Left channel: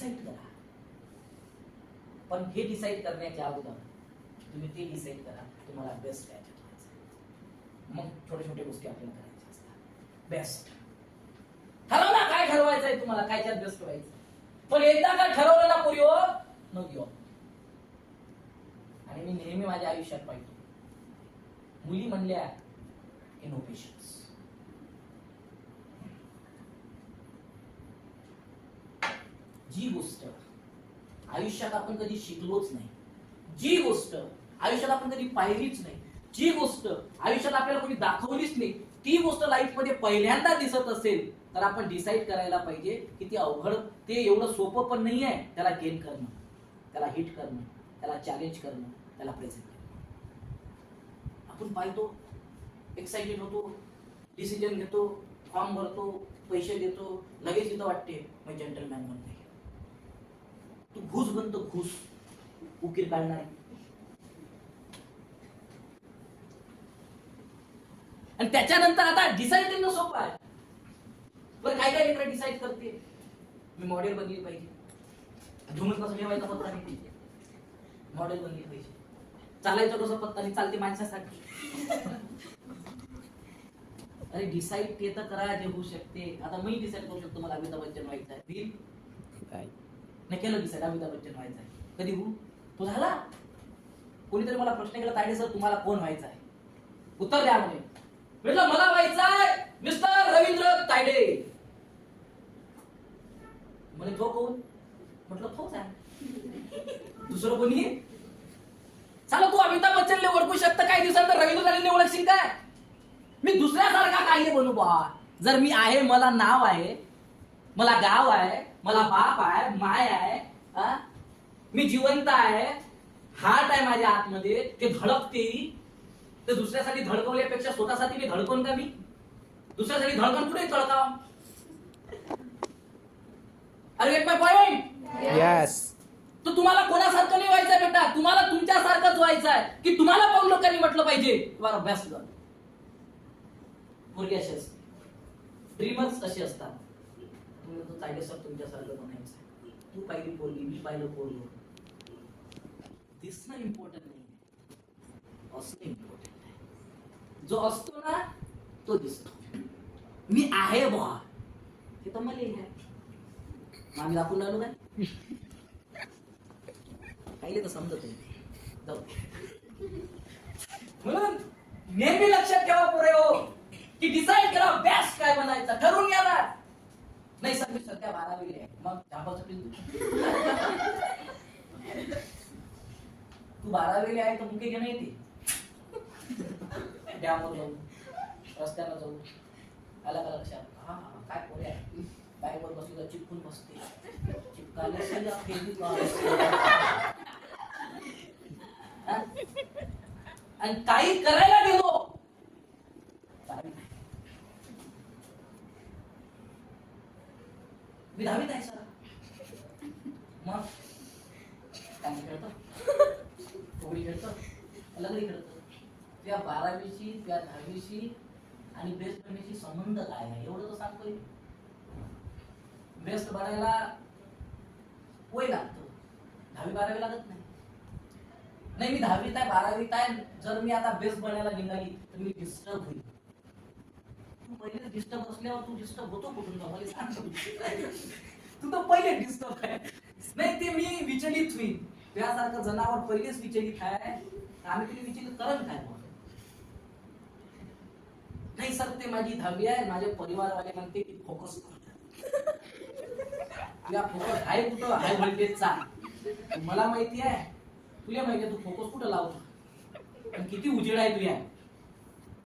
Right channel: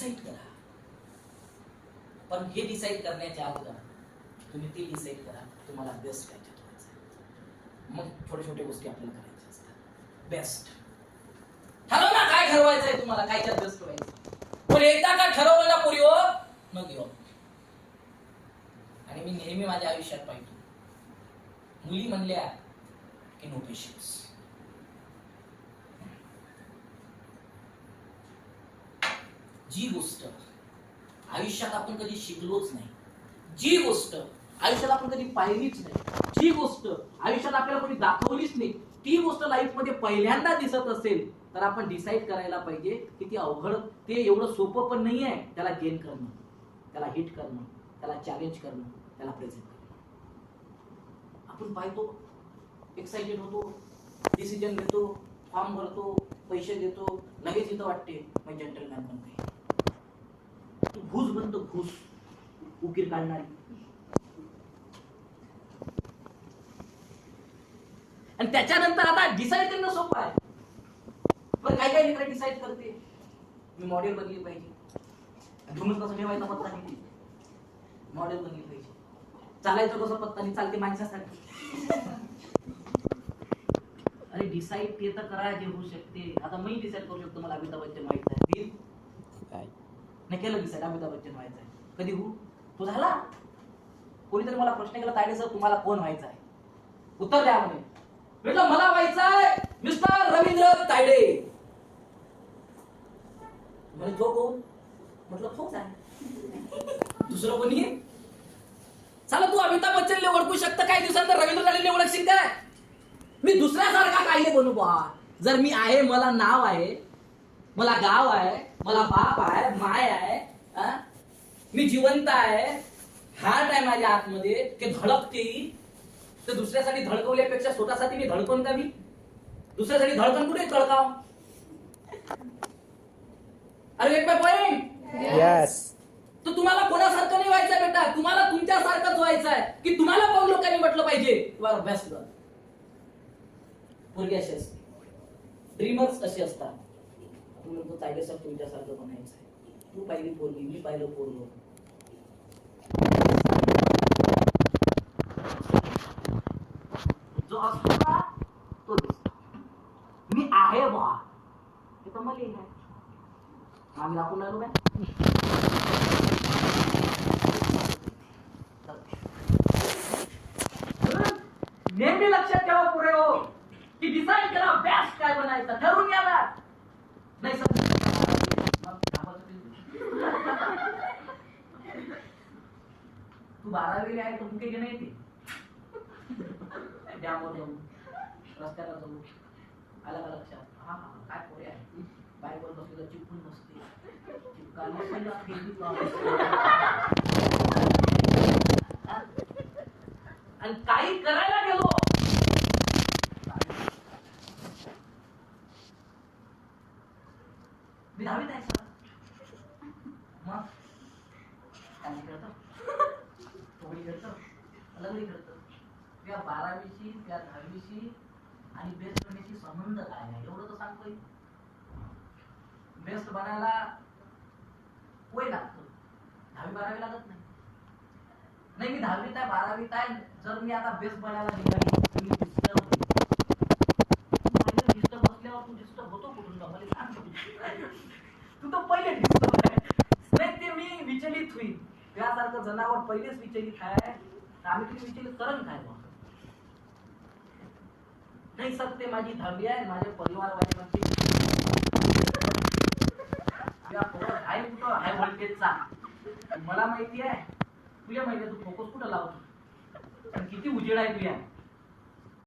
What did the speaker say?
Decide करा. पण हे डिसाईड करण्याच्या अगोदर तुम्ही ते डिसाईड करा तुम्हाला बेस्ट कायच्यात व्हायचं. मग छोटे छोटे गोष्टी आपल्याला करायच्या असतात. बेस्ट ठरव ना, काय ठरवायचंय तुम्हाला, कायच्यात बेस्ट व्हायचं. पण एकदा का ठरवलं ना पोरी हो, मग येऊ. आणि मी नेहमी माझ्या आयुष्यात पाहिजे, मुली म्हणल्या की नो पेशन्स. जी गोष्ट आयुष्यात आपण कधी शिकलोच नाही, जी गोष्ट आयुष्यात आपण कधी पाहिलीच नाही, जी गोष्ट आयुष्यात आपल्याला कोणी दाखवलीच नाही, ती गोष्ट लाईफ मध्ये पहिल्यांदा दिसत असेल तर आपण डिसाईड करायला पाहिजे की ती अवघड, ते एवढं सोपं पण नाही आहे त्याला गेन करणं, त्याला हिट करणं, त्याला चॅलेंज करणं, त्याला प्रेझेंट करणं. आपण पाहतो, एक्साइटेड होतो, डिसिजन घेतो, फॉर्म भरतो, पैसे देतो, लगेच इथं वाटते मी जेंटलमॅन बनते. तू घुस बनतो, घुस उकीर काढणारी. आणि त्याच्यानंतर आता डिसाईड करणं सोपं आहे. पण काय काय लेकरं डिसाईड करते मी मॉडेल बनली पाहिजे, धुमच कसं ठेवायचा पत्ता नाही, मॉडेल बनली पाहिजे, चालायचं कसं पत्ता नाही, चालते माणसासाठी. अरे डिसाईड ते तर करायचे होऊ शकते. आता मी डिसाईड करू शकतो मला अमिताभ बच्चन व्हायचं आहे, मी केलं डिसाईड अमिताभ बच्चन व्हायचं आहे. कधी होऊ तो झाला. कोणीतरी मला प्रश्न केला, तायडे सर तुम्हाला कोण व्हायचं आहे, उत्तर द्या म्हणे. म्हटलं मला व्हायचं आहे मिस्टर रवींद्र तायडे. म्हणजे तो कोण, म्हटलं तोच आहे, दुसरं कोणी. चला तू अमिताभ बच्चनले ओळखू शकतं, काही दिवसांतर रवींद्र तायडेले ओळखशील काय. मी दुसऱ्यासारखा काही बनू बा. जर मी आहे, मला नाव आहे, मला गाव आहे, मला बाप आहे, माय आहे, मी जिवंत आहे, हार्ट आहे माझ्या आतमध्ये, ते धडकते, तर दुसऱ्यासाठी धडकवल्यापेक्षा स्वतःसाठी मी धडकवून का, मी दुसऱ्यासाठी धडकन कुठे धडकाव. अरे गेट माय पॉइंट. यस. तर तुम्हाला कोणासारखं नाही व्हायचंय बेटा, तुम्हाला तुमच्यासारखंच व्हायचं आहे की तुम्हाला पाहून लोकांनी म्हटलं पाहिजे यू आर बेस्ट गर्ल. पोरगी अशी असते, ड्रीमर्स अशी असतात. तुम्ही तो तायडे सर तुमच्यासारखं बनायचं आहे. तू पाहिली पोरगी, मी पाहिलं पोरग, जो असतो ना तो दिसतो. मी आहे बा हे तर मला आहे, आम्ही दाखवून राहिलो काय. नेहमी लक्षात ठेवा पोरे हो की डिसाईड करा बेस्ट काय बनायचं, ठरवून घ्या ना. नाही सर तू 12वीला आहे तर मुके घेणं येते, डॅमवर जाऊ, रस्त्याला जाऊ, आला का लक्षात. हा काय पोरे आहे, बाईकवर बसली तर चिपकून बसते, चिपकायला आणि काही करायला गेलो मी 10वीत आहे सर, मग काय खेळतं, कबड्डी खेळतं, लगडी खेळतं. त्या 12वीची त्या 10वीची आणि बेस्ट बनण्याची संबंध काय आहे एवढं तर सांगतोय. बेस्ट बनायला वय लागतं, 10वी 12वी लागत नाही. नाही मी 10वीत आहे 12वीत आहे, जर मी आता बेस्ट बनायला निघाली तर मी डिस्टर्ब होईल. पहिले डिस्टर्ब असल्यावर तू डिस्टर्ब होतो कुठून का मला सांग. तू तर पहिले डिस्टर्ब आहे, नाही ते मी विचलित होईल. त्यासारखं जनावर पहिलेच विचलित आहे, आम्ही तुम्ही विचलित करण काय मग. नाही सर ते माझी 10वी आहे, माझे परिवारवाले म्हणते तुला फोकस आहे कुठं, हाय व्होल्टेजचा. मला माहिती आहे, तुला माहिती आहे तू फोकस कुठं लावतो आणि किती उजेड आहे तुया.